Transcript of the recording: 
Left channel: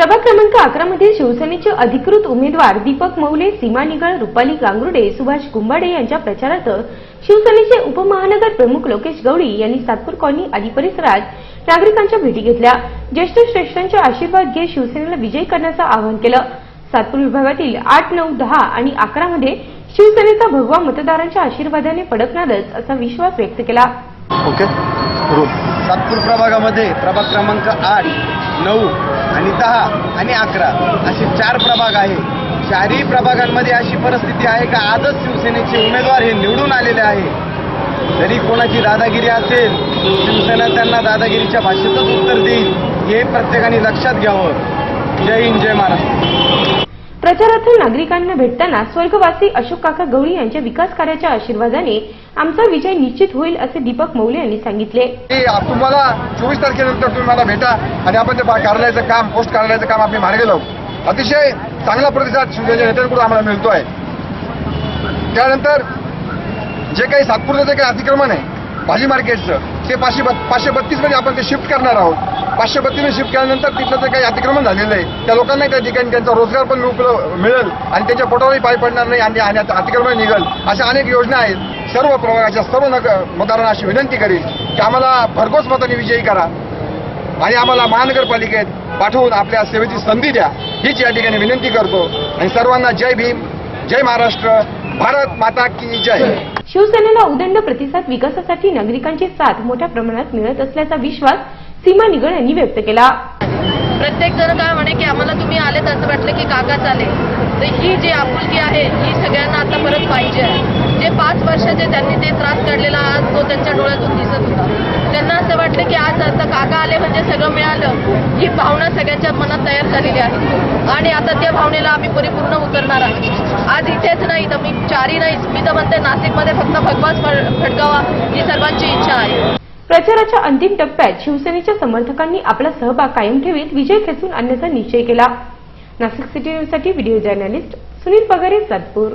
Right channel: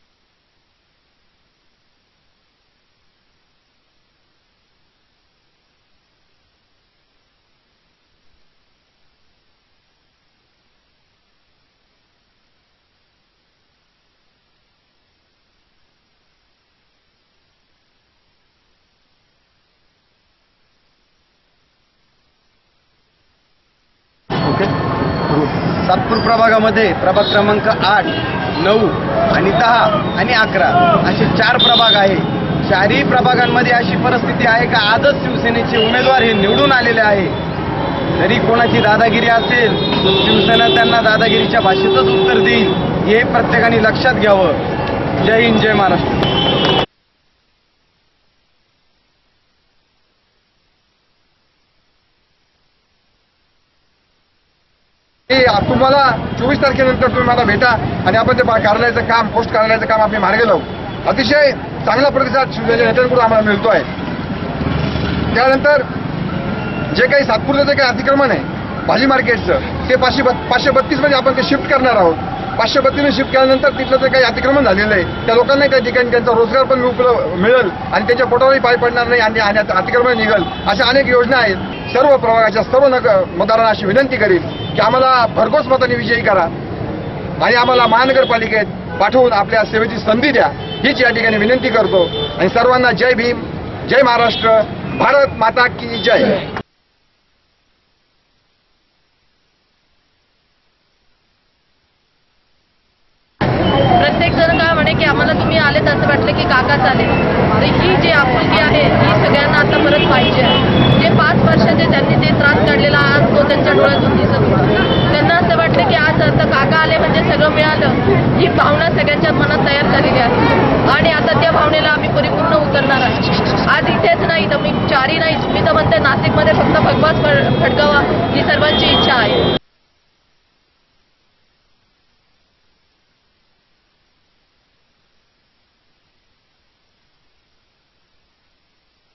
प्रभाग क्रमांक 11 मधील शिवसेनेचे अधिकृत उमेदवार दीपक मौले, सीमा निगळ, रुपाली गांगुर्डे, सुभाष कुंभाडे यांच्या प्रचारार्थ शिवसेनेचे उपमहानगर प्रमुख लोकेश गवळी यांनी सातपूर कॉलनी आदी परिसरात नागरिकांच्या भेटी घेतल्या। ज्येष्ठ श्रेष्ठांचे आशीर्वाद घेत शिवसेनेला विजयी करण्याचं आवाहन केलं। सातपूर विभागातील 8, 9, 10 आणि 11 मध्ये शिवसेनेचा भगवा मतदारांच्या आशीर्वादाने फडकणारच असा विश्वास व्यक्त केला। ओके, सातपूर प्रभागामध्ये प्रभाग क्रमांक 8, 9 आणि 10 आणि 11 असे 4 प्रभाग आहे। चारही प्रभागांमध्ये अशी परिस्थिती आहे का आजच शिवसेनेचे उमेदवार हे निवडून आलेले आहे। जरी कोणाची दादागिरी असेल, शिवसेना त्यांना दादागिरीच्या भाषेतच उत्तर देईल, हे प्रत्येकाने लक्षात घ्यावं। जय हिंद, जय महाराष्ट्र। प्रचारार्थ नागरिकांना भेटताना स्वर्गवासी अशोक काका गवळी यांच्या विकास कार्याच्या आशीर्वादाने आमचा विजय निश्चित होईल असे दीपक मौले यांनी सांगितले। तुम्हाला 24 तारखेनंतर तुम्ही मला भेटा आणि आपण ते कार्यालयाचं काम, पोस्ट कार्यालयाचं काम आम्ही मार्गी लावू। अतिशय चांगला प्रतिसाद शिवसेनेच्या नेत्यांकडून आम्हाला मिळतो आहे। त्यानंतर जे काही सातपूरचं जे काही अतिक्रमण आहे भाजी मार्केटचं, ते 532 मध्ये आपण ते शिफ्ट करणार आहोत। 532 शिफ्ट केल्यानंतर तिथलं जे काही अतिक्रमण झालेलं आहे त्या लोकांना त्या ठिकाणी त्यांचा रोजगार पण मिळेल आणि त्यांच्या पोटावरही पाय पडणार नाही आणि अतिक्रमण निघेल। अशा अनेक योजना आहेत। सर्व प्रभागाच्या सर्व मतदारांना अशी विनंती करेल की आम्हाला भरघोस मताने विजयी करा आणि आम्हाला महानगरपालिकेत पाठवून आपल्या सेवेची संधी द्या, हीच या ठिकाणी विनंती करतो। आणि सर्वांना जय भीम, जय महाराष्ट्र, भारत माता की जय। शिवसेनेला उदंड प्रतिसाद, विकासासाठी नागरिकांची साथ मोठ्या प्रमाणात मिळत असल्याचा विश्वास सीमा निगळ यांनी व्यक्त केला। प्रत्येक जण काय म्हणे की आम्हाला तुम्ही आलेत असं वाटलं की काकाच आले, तर ही जी आपुलकी आहे ही सगळ्यांना आता परत पाहिजे आहे। जे 5 वर्षाचे त्यांनी जे त्रास काढलेला आज तो त्यांच्या डोळ्यातून दिसत होता। त्यांना असं वाटलं की आज आता काका आले म्हणजे सगळं मिळालं, ही भावना सगळ्यांच्या मनात तयार झालेली आहे आणि आता त्या भावनेला आम्ही परिपूर्ण उतरणार आहे। आज इथेच नाही तर मी 4ही नाही, मी तर म्हणते नाशिकमध्ये फक्त भगवाच फडकावा ही सर्वांची इच्छा आहे। प्रचाराच्या अंतिम टप्प्यात शिवसेनेच्या समर्थकांनी आपला सहभाग कायम ठेवीत विजय खेचून आणण्याचा निश्चय केला। नाशिक सिटी न्यूजसाठी व्हिडिओ जर्नलिस्ट सुनील पगारे, सातपूर।